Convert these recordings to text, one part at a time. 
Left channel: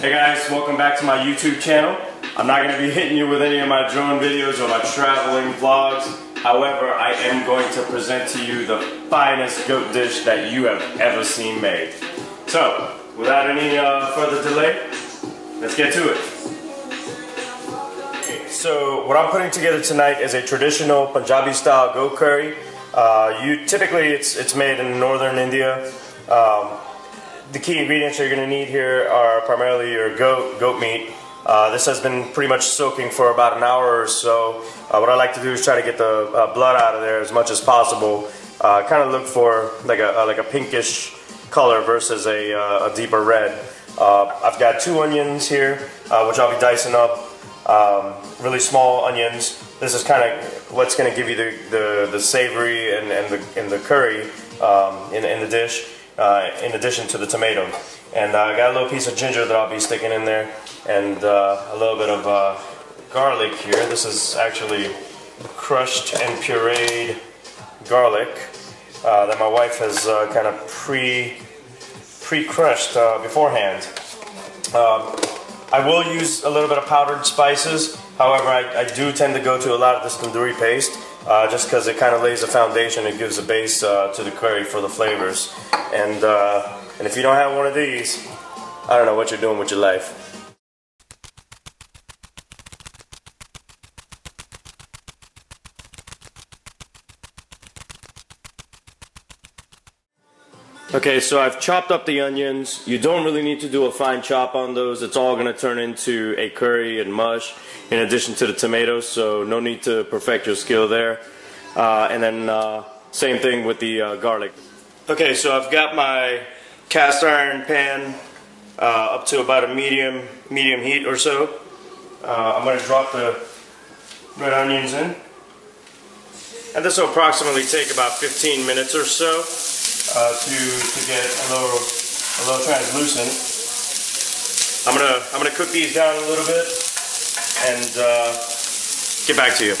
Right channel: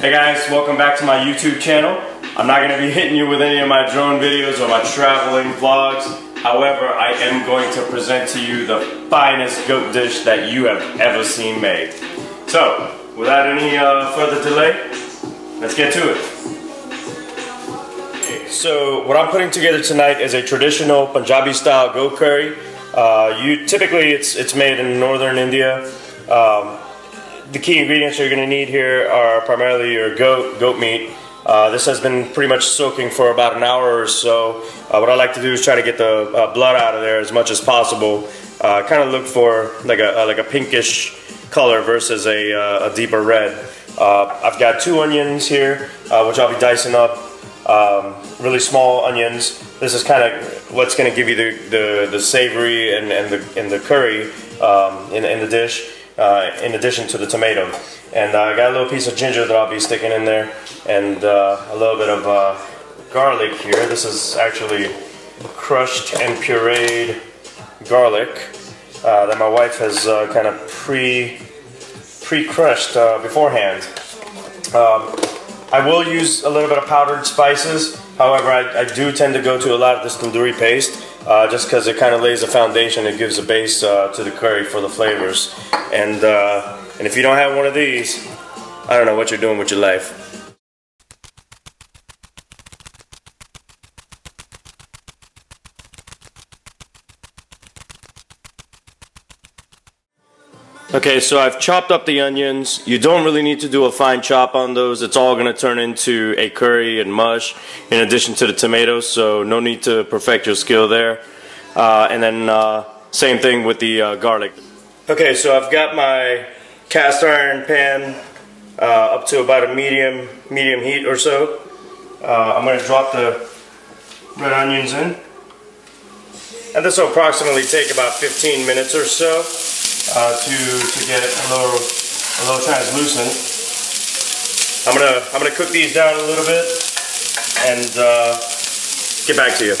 Hey guys, welcome back to my YouTube channel. I'm not going to be hitting you with any of my drone videos or my traveling vlogs. However, I am going to present to you the finest goat dish that you have ever seen made. So, without any further delay, let's get to it. So, what I'm putting together tonight is a traditional Punjabi style goat curry. Typically it's made in northern India. The key ingredients you're going to need here are primarily your goat meat. This has been pretty much soaking for about an hour or so. What I like to do is try to get the blood out of there as much as possible. Kind of look for like a pinkish color versus a deeper red. I've got 2 onions here, which I'll be dicing up. Really small onions. This is kind of what's going to give you the savory and the curry in the dish. In addition to the tomato. And I got a little piece of ginger that I'll be sticking in there, and a little bit of garlic here. This is actually crushed and pureed garlic that my wife has kind of pre-crushed beforehand. I will use a little bit of powdered spices. However, I do tend to go to a lot of this tandoori paste just because it kind of lays a foundation. It gives a base to the curry for the flavors. And if you don't have one of these, I don't know what you're doing with your life. Okay, so I've chopped up the onions. You don't really need to do a fine chop on those. It's all going to turn into a curry and mush in addition to the tomatoes, so no need to perfect your skill there. And then same thing with the garlic. Okay, so I've got my cast iron pan up to about a medium heat or so. I'm going to drop the red onions in. And this will approximately take about 15 minutes or so. To get a little translucent. I'm gonna cook these down a little bit and get back to you.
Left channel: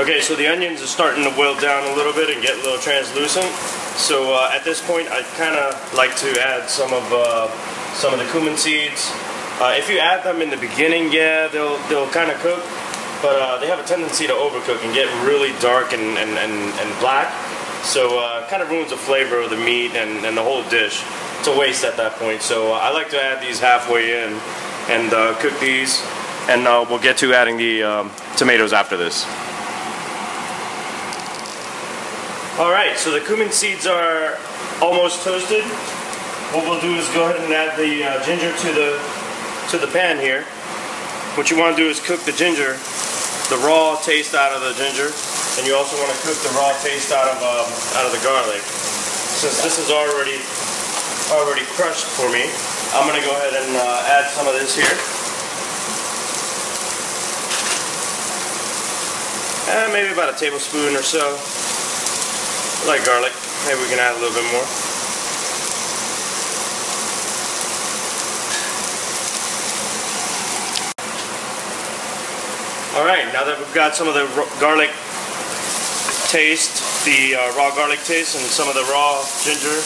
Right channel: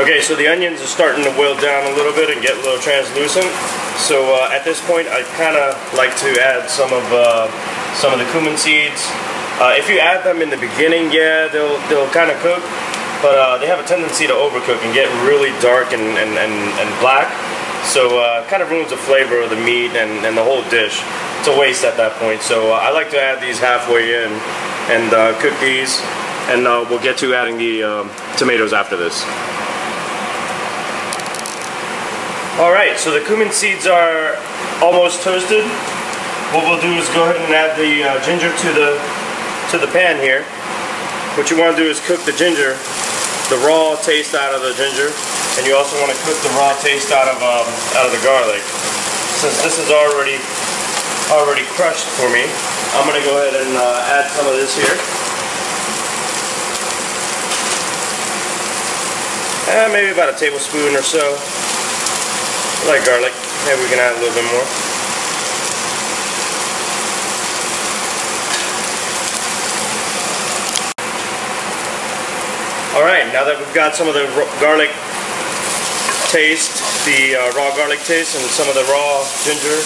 Okay, so the onions are starting to wilt down a little bit and get a little translucent. So at this point, I kind of like to add some of the cumin seeds. If you add them in the beginning, yeah, they'll kind of cook. But they have a tendency to overcook and get really dark and black. So kind of ruins the flavor of the meat and the whole dish. It's a waste at that point. So I like to add these halfway in and cook these. And we'll get to adding the tomatoes after this. Alright, so the cumin seeds are almost toasted. What we'll do is go ahead and add the ginger to the pan here. What you want to do is cook the ginger, the raw taste out of the ginger, and you also want to cook the raw taste out of the garlic. Since this is already crushed for me, I'm going to go ahead and add some of this here. And maybe about a tablespoon or so. I like garlic. Maybe we can add a little bit more. Alright, now that we've got some of the garlic taste, the raw garlic taste, and some of the raw ginger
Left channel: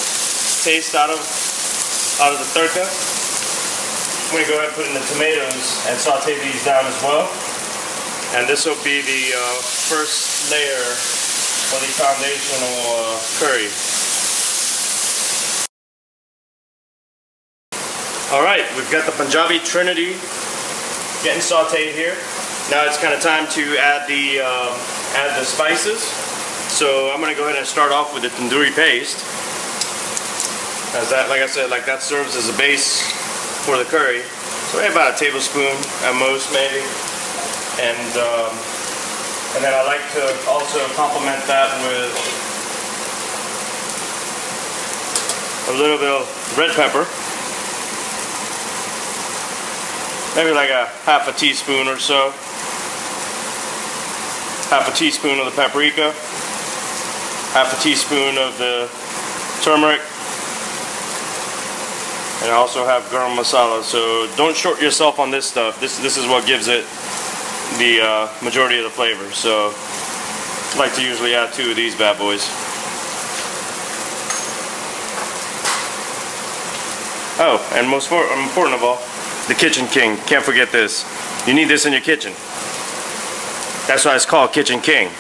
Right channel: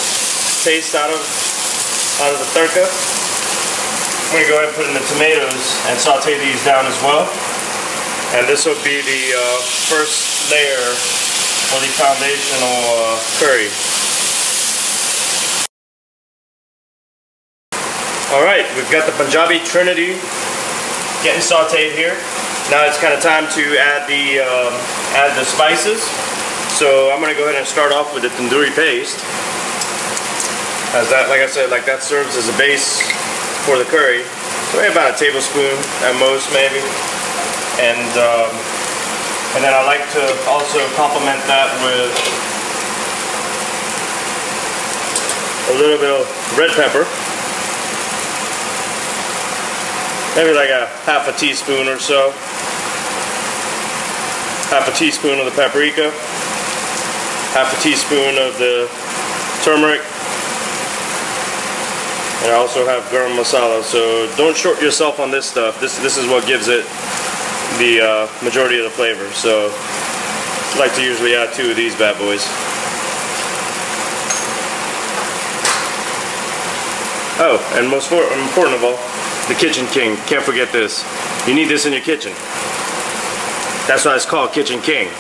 taste out of the tadka, I'm going to go ahead and put in the tomatoes and saute these down as well. And this will be the first layer for the foundational curry. Alright, we've got the Punjabi Trinity getting sauteed here. Now it's kind of time to add the spices. So I'm going to go ahead and start off with the tandoori paste. As that, like I said, that serves as a base for the curry. So maybe about a tablespoon at most, maybe. And then I like to also complement that with a little bit of red pepper. Maybe like a half a teaspoon or so. Half a teaspoon of the paprika. Half a teaspoon of the turmeric. And I also have garam masala. So don't short yourself on this stuff. This is what gives it the majority of the flavor. So I like to usually add 2 of these bad boys. Oh, and most important of all, the Kitchen King. Can't forget this. You need this in your kitchen. That's why it's called Kitchen King.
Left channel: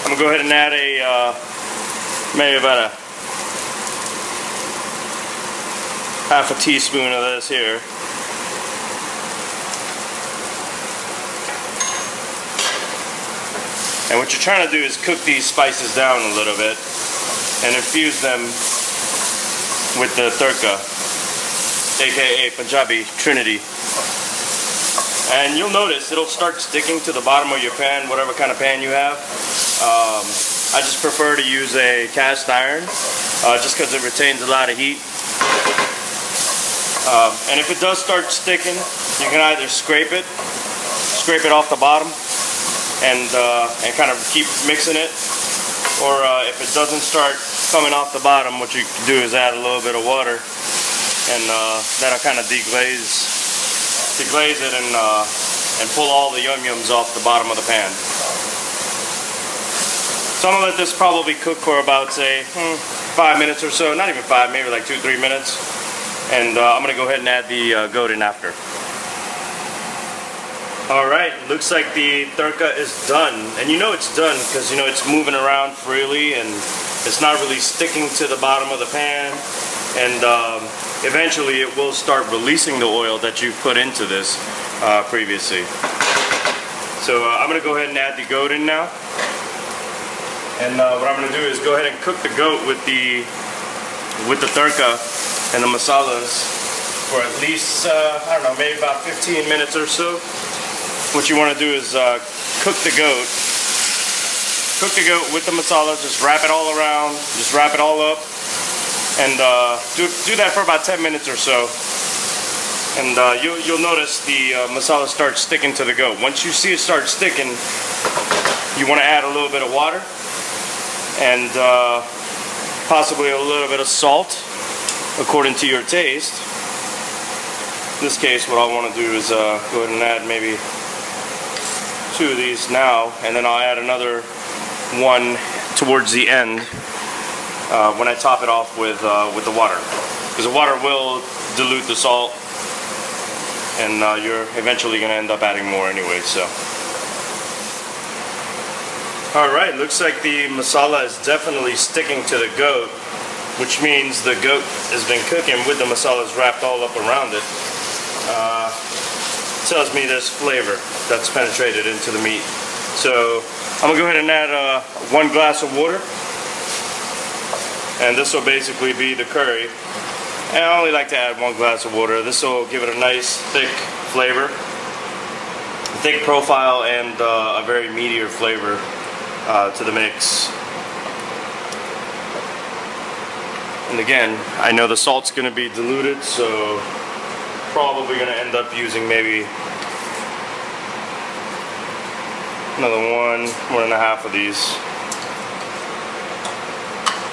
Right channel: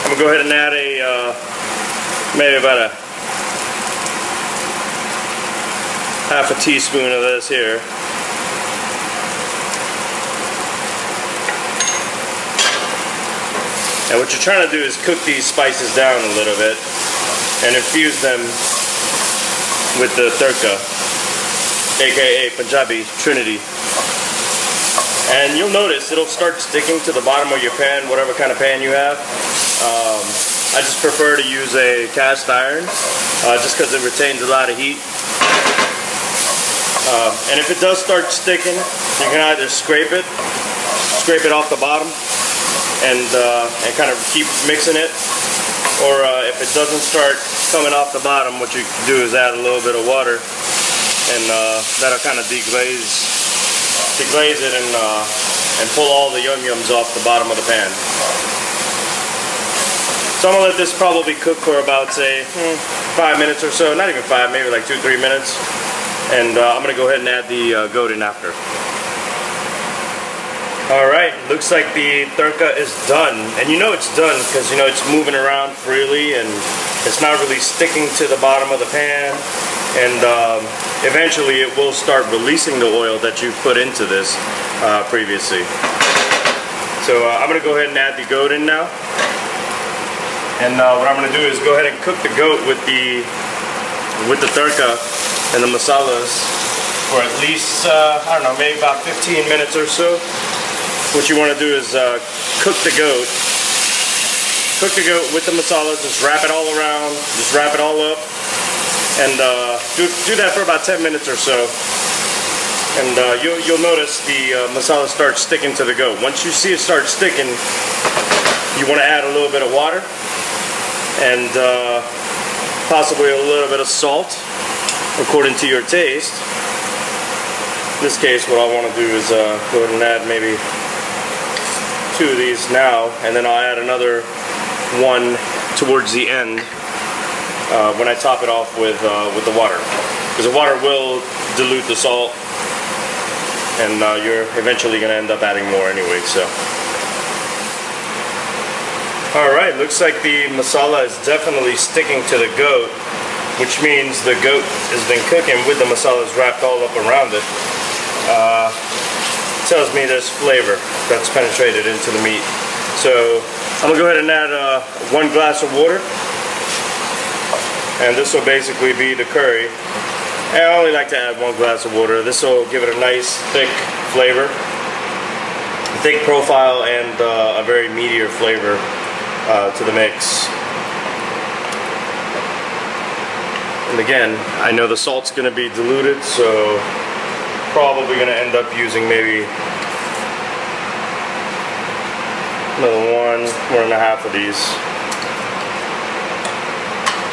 I'm gonna go ahead and add maybe about a half a teaspoon of this here. And what you're trying to do is cook these spices down a little bit and infuse them with the tadka, aka Punjabi Trinity. And you'll notice it'll start sticking to the bottom of your pan, whatever kind of pan you have. I just prefer to use a cast iron just because it retains a lot of heat. And if it does start sticking, you can either scrape it off the bottom and kind of keep mixing it, or if it doesn't start coming off the bottom, what you do is add a little bit of water, and that'll kind of deglaze it and pull all the yum-yums off the bottom of the pan. So I'm gonna let this probably cook for about, say, 5 minutes or so. Not even 5, maybe like 2-3 minutes. And I'm gonna go ahead and add the goat in after. Alright, looks like the tadka is done. And you know it's done because you know it's moving around freely and it's not really sticking to the bottom of the pan. And eventually it will start releasing the oil that you put into this previously. So I'm going to go ahead and add the goat in now. And what I'm going to do is go ahead and cook the goat with the tadka and the masalas for at least, I don't know, maybe about 15 minutes or so. What you want to do is cook the goat with the masalas, just wrap it all around, just wrap it all up, and do that for about 10 minutes or so. And you'll notice the masala starts sticking to the goat. Once you see it start sticking, you want to add a little bit of water and possibly a little bit of salt according to your taste. In this case, what I want to do is go ahead and add maybe 2 of these now, and then I'll add another one towards the end when I top it off with the water, because the water will dilute the salt, and you're eventually going to end up adding more anyway. So, all right, looks like the masala is definitely sticking to the goat, which means the goat has been cooking with the masalas wrapped all up around it. Tells me there's flavor that's penetrated into the meat. So I'm gonna go ahead and add 1 glass of water, and this will basically be the curry. And I only like to add 1 glass of water. This will give it a nice thick flavor, thick profile, and a very meatier flavor to the mix. And again, I know the salt's gonna be diluted, so probably going to end up using maybe another 1.5 of these.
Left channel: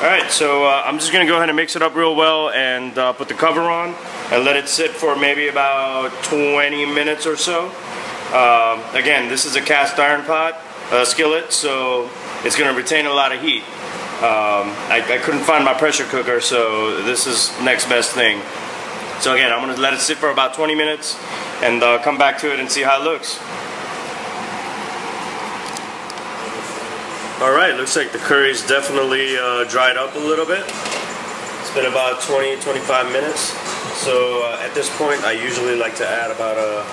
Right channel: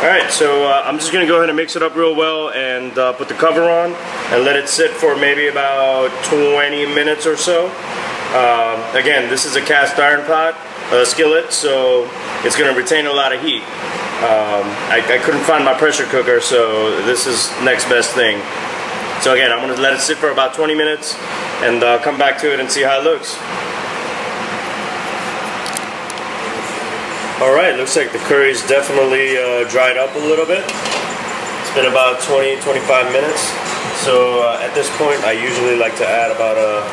Alright, so I'm just going to go ahead and mix it up real well and put the cover on and let it sit for maybe about 20 minutes or so. Again, this is a cast iron pot, skillet, so it's going to retain a lot of heat. I couldn't find my pressure cooker, so this is next best thing. So again, I'm going to let it sit for about 20 minutes and come back to it and see how it looks. Alright, looks like the curry's definitely dried up a little bit. It's been about 20-25 minutes. So at this point, I usually like to add about a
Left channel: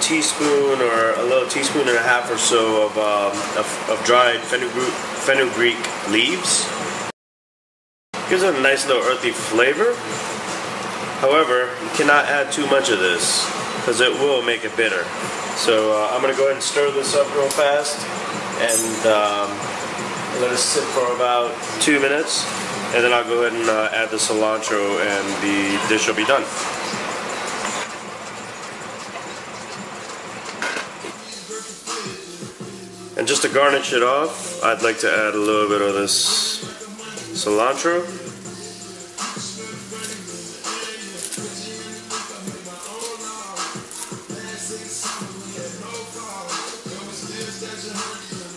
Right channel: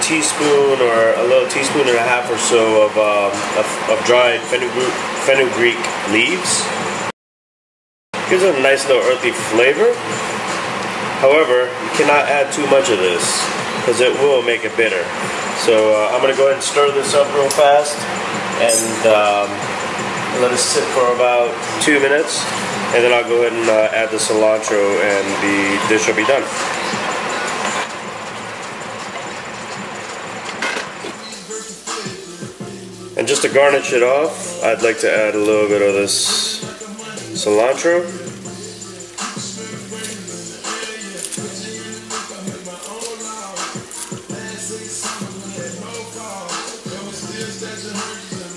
teaspoon or a little teaspoon and a half or so of dried fenugreek leaves. Gives it a nice little earthy flavor. However, you cannot add too much of this because it will make it bitter. So I'm going to go ahead and stir this up real fast and let it sit for about 2 minutes, and then I'll go ahead and add the cilantro and the dish will be done. And just to garnish it off, I'd like to add a little bit of this cilantro.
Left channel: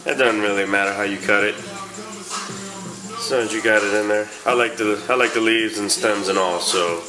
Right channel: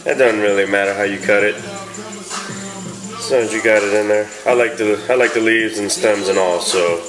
It doesn't really matter how you cut it. long as you got it in there. I like the leaves and stems and all, so